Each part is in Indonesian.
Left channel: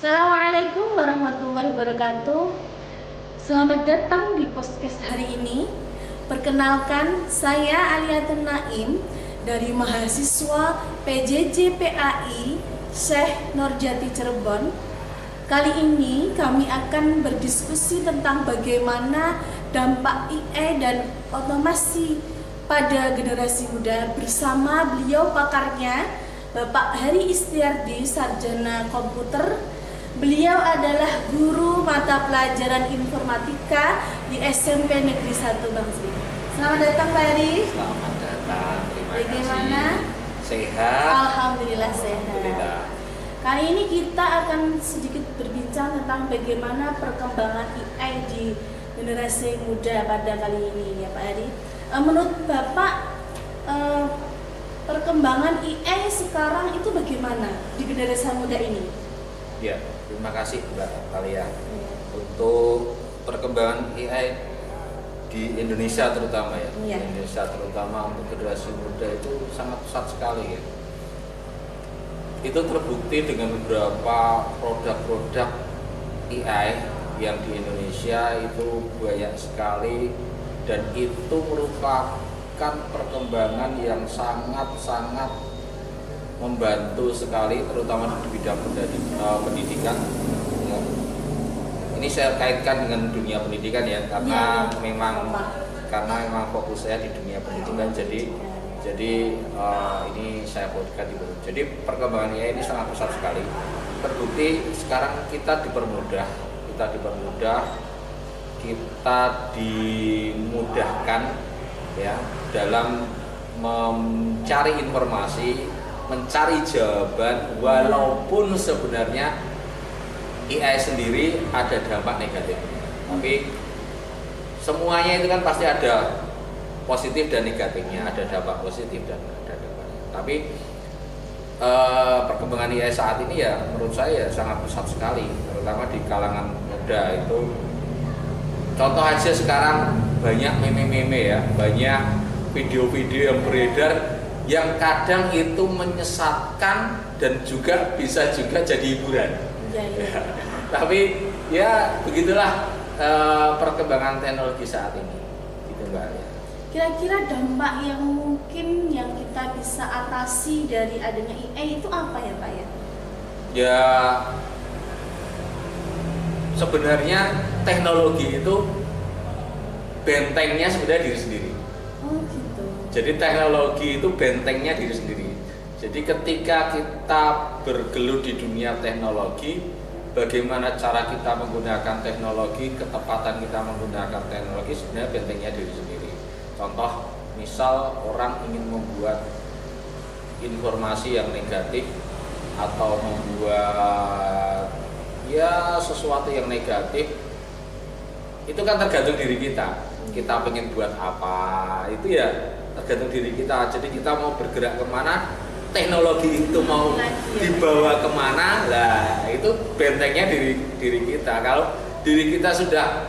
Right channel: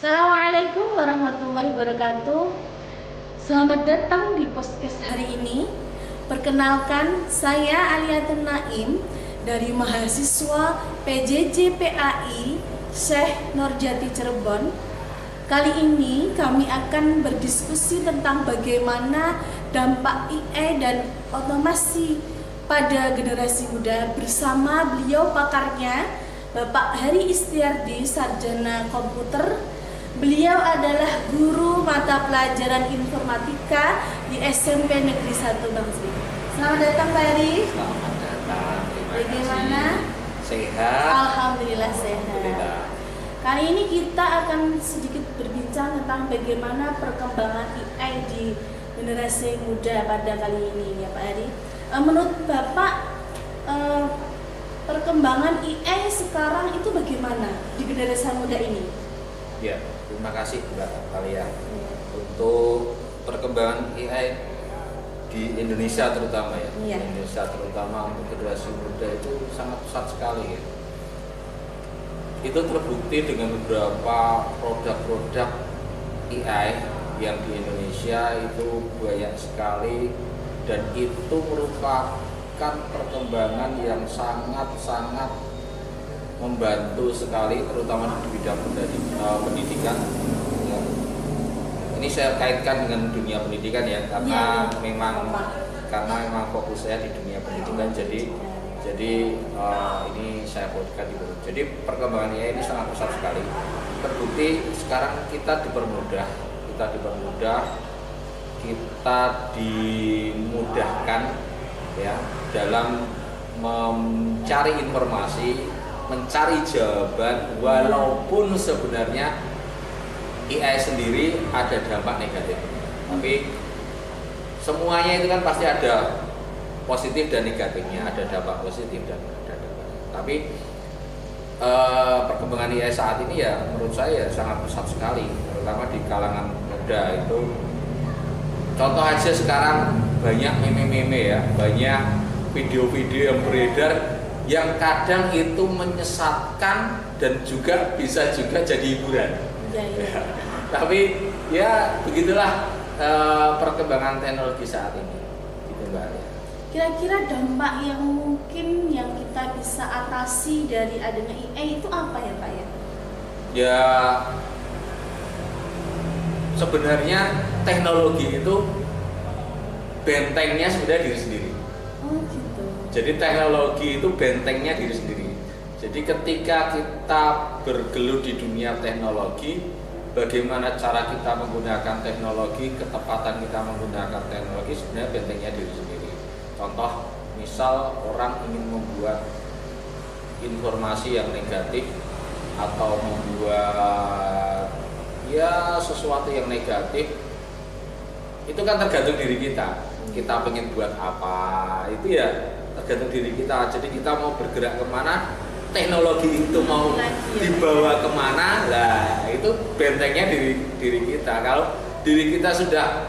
Assalamualaikum warahmatullahi wabarakatuh. Selamat datang di podcast hari ini. Perkenalkan, saya Aliatun Naim dari mahasiswa PJJ PAI Syekh Nurjati Cirebon. Kali ini kami akan berdiskusi tentang bagaimana dampak AI dan otomasi pada generasi muda bersama beliau pakarnya, Bapak Hari Istiardi, Sarjana Komputer. Beliau adalah guru mata pelajaran informatika di SMP Negeri 1 Bangsri. Selamat datang Pak Hari. Selamat datang. Terima Bagaimana? kasih. Sehat. Alhamdulillah sehat. Alhamdulillah. Kali ini kita akan sedikit berbincang tentang bagaimana perkembangan AI di generasi muda pada kali ini ya Pak Hari. Menurut Bapak, perkembangan AI sekarang itu bagaimana di generasi muda ini? Ya, terima kasih Mbak Alia. Untuk perkembangan AI di Indonesia terutama ya. Iya. Di Indonesia terutama untuk generasi muda itu sangat pesat sekali ya. Itu terbukti dengan beberapa produk-produk AI yang di Indonesia itu banyak sekali, dan itu merupakan perkembangan yang sangat-sangat membantu sekali, terutama di bidang pendidikan ya. Ini saya kaitkan dengan dunia pendidikan ya, karena memang fokus saya di dunia pendidikan, jadi ini saya fokuskan di situ. Jadi perkembangan AI ini sangat besar sekali. Terbukti sekarang kita dimudahkan, kita dimudahkan ya dalam mencari informasi, mencari jawaban, walaupun sebenarnya AI sendiri ada dampak negatif. Tapi semuanya itu kan pasti ada positif dan negatifnya, ada dampak positif dan ada dampak. Tapi perkembangan AI saat ini ya menurut saya sangat pesat sekali, terutama di kalangan muda itu. Contoh aja sekarang banyak meme-meme ya, banyak video-video yang beredar yang kadang itu menyesatkan dan juga bisa juga jadi hiburan. Ya. Tapi ya begitulah perkembangan teknologi saat ini, gitu Mbak. Kira-kira dampak yang mungkin yang kita bisa atasi dari adanya AI itu apa ya Pak ya? Ya sebenarnya teknologi itu bentengnya sebenarnya diri sendiri. Oh gitu. Jadi teknologi itu bentengnya diri sendiri. Jadi ketika kita bergelut di dunia teknologi, bagaimana cara kita menggunakan teknologi, ketepatan kita menggunakan teknologi, sebenarnya bentengnya diri sendiri. Contoh, misal orang ingin membuat informasi yang negatif atau membuat ya sesuatu yang negatif, itu kan tergantung diri kita. Kita pengen buat apa, itu ya tergantung diri kita. Jadi kita mau bergerak kemana, teknologi itu mau dibawa kemana, lah itu bentengnya diri kita. Kalau diri kita sudah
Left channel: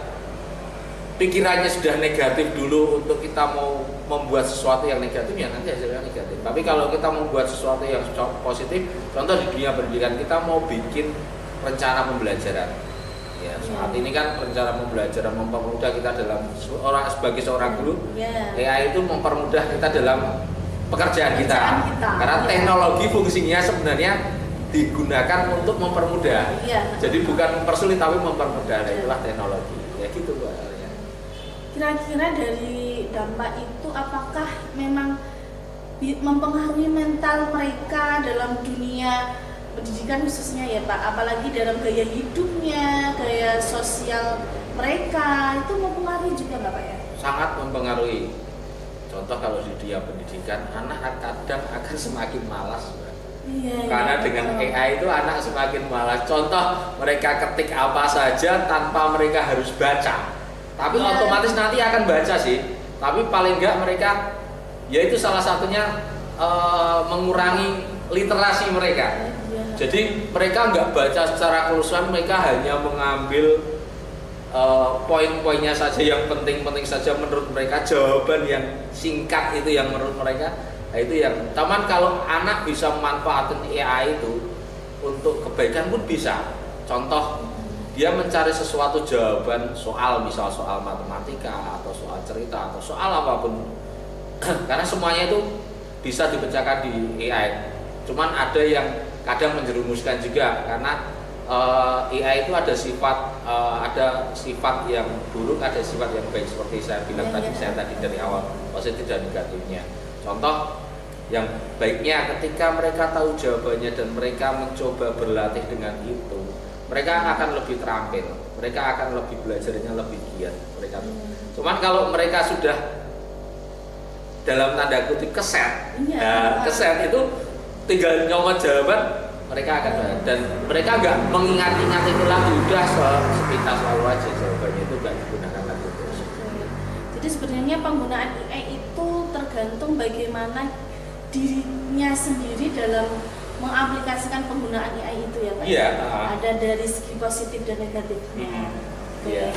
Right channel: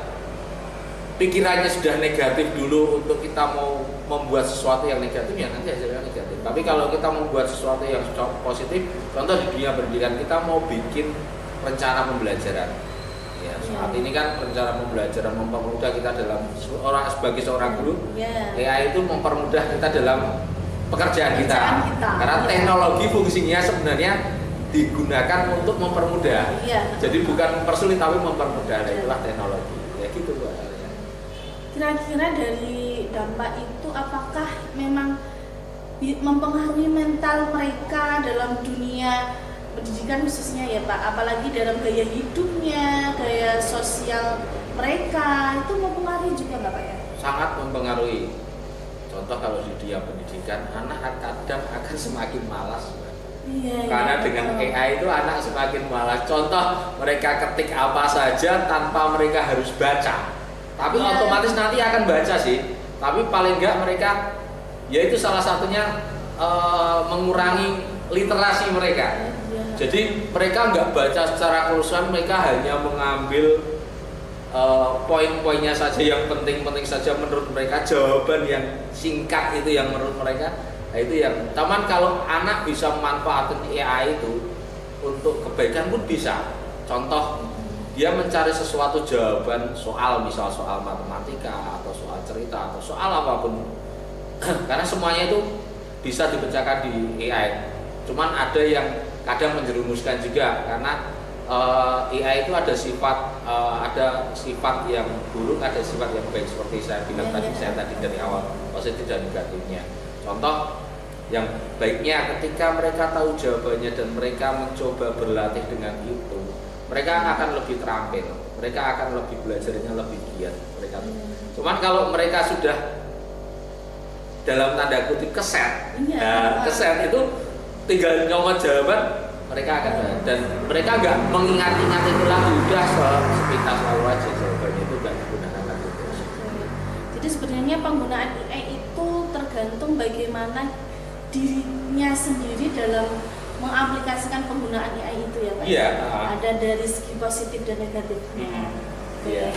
pikirannya sudah negatif dulu untuk kita mau membuat sesuatu yang negatif, ya nanti hasilnya negatif. Tapi kalau kita membuat sesuatu yang positif, contoh di dunia pendidikan, kita mau bikin rencana pembelajaran. Ya, saat ini kan rencana pembelajaran mempermudah kita dalam sebagai seorang guru. AI itu mempermudah kita dalam pekerjaan kita. Karena teknologi fungsinya sebenarnya digunakan untuk mempermudah. Jadi bukan mempersulit tapi mempermudah. Itulah teknologi. Ya gitu Mbak. Kira-kira dari dampak itu apakah memang mempengaruhi mental mereka dalam dunia pendidikan khususnya ya Pak, apalagi dalam gaya hidupnya, gaya sosial mereka, itu mempengaruhi juga nggak Pak ya? Sangat mempengaruhi. Contoh kalau di dunia pendidikan, anak kadang akan semakin malas. Karena dengan AI itu anak semakin malas. Contoh, mereka ketik apa saja tanpa mereka harus baca. Tapi otomatis nanti akan baca sih. Tapi paling enggak mereka, yaitu salah satunya mengurangi literasi mereka. Jadi mereka nggak baca secara keseluruhan, mereka hanya mengambil poin-poinnya saja, yang penting-penting saja menurut mereka, jawaban yang singkat itu yang menurut mereka. Nah, itu yang teman, kalau anak bisa memanfaatkan AI itu untuk kebaikan pun bisa. Contoh, dia mencari sesuatu jawaban soal, misal soal matematika atau soal cerita atau soal apapun. Karena semuanya itu bisa dibacakan di AI. Cuman ada yang kadang menjerumuskan juga, karena AI itu ada sifat yang buruk, ada sifat yang baik, seperti saya bilang saya tadi dari awal, positif dan negatifnya. Contoh yang baiknya, ketika mereka tahu jawabannya dan mereka mencoba berlatih dengan itu, mereka akan lebih terampil, mereka akan lebih belajarnya lebih giat mereka. Cuman kalau mereka sudah dalam tanda kutip keset, keset itu tinggal nyomot jawaban, mereka akan dan mereka nggak mengingat-ingat itu lagi, udah sepintas lalu aja jawabannya itu nggak digunakan lagi terus. Jadi sebenarnya penggunaan AI itu tergantung bagaimana dirinya sendiri dalam mengaplikasikan penggunaan AI itu ya Pak? Iya. Ada dari segi positif dan negatifnya. Iya.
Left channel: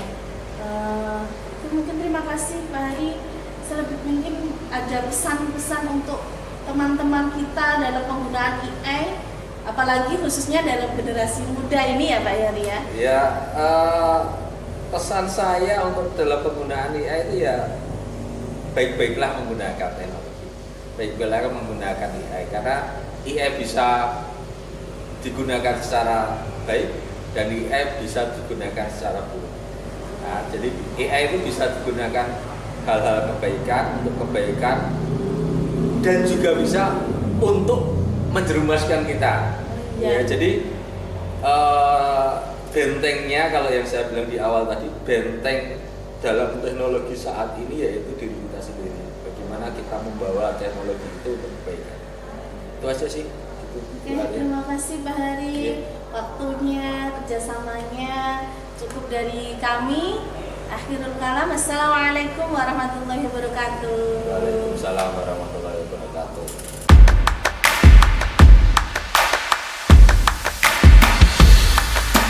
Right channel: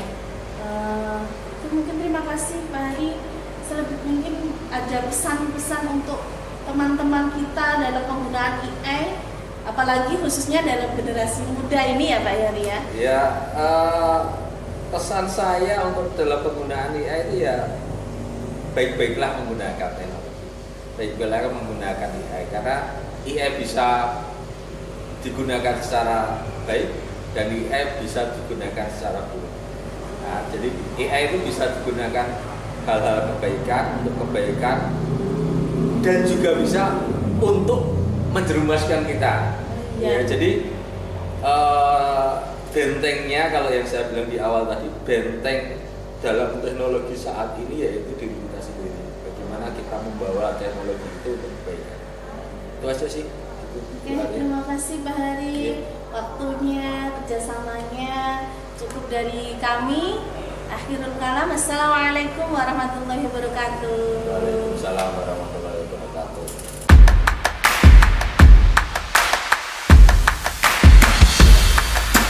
Itu mungkin terima kasih Pak Hari. Selebih mungkin ada pesan-pesan untuk teman-teman kita dalam penggunaan AI, apalagi khususnya dalam generasi muda ini ya Pak Hari ya? Ya, pesan saya untuk dalam penggunaan AI itu ya baik-baiklah menggunakan teknologi, baik-baiklah menggunakan AI, karena AI bisa digunakan secara baik dan AI bisa digunakan secara buruk. Nah, jadi AI itu bisa digunakan hal-hal kebaikan, untuk kebaikan, dan juga bisa untuk menjerumuskan kita. Ya, jadi bentengnya, kalau yang saya bilang di awal tadi, benteng dalam teknologi saat ini yaitu diri kita sendiri. Bagaimana kita membawa teknologi itu untuk kebaikan. Itu aja sih. Oke, terima kasih Pak Hari, waktunya, kerjasamanya. Cukup dari kami. Akhirul kalam, assalamualaikum warahmatullahi wabarakatuh. Waalaikumsalam warahmatullahi wabarakatuh.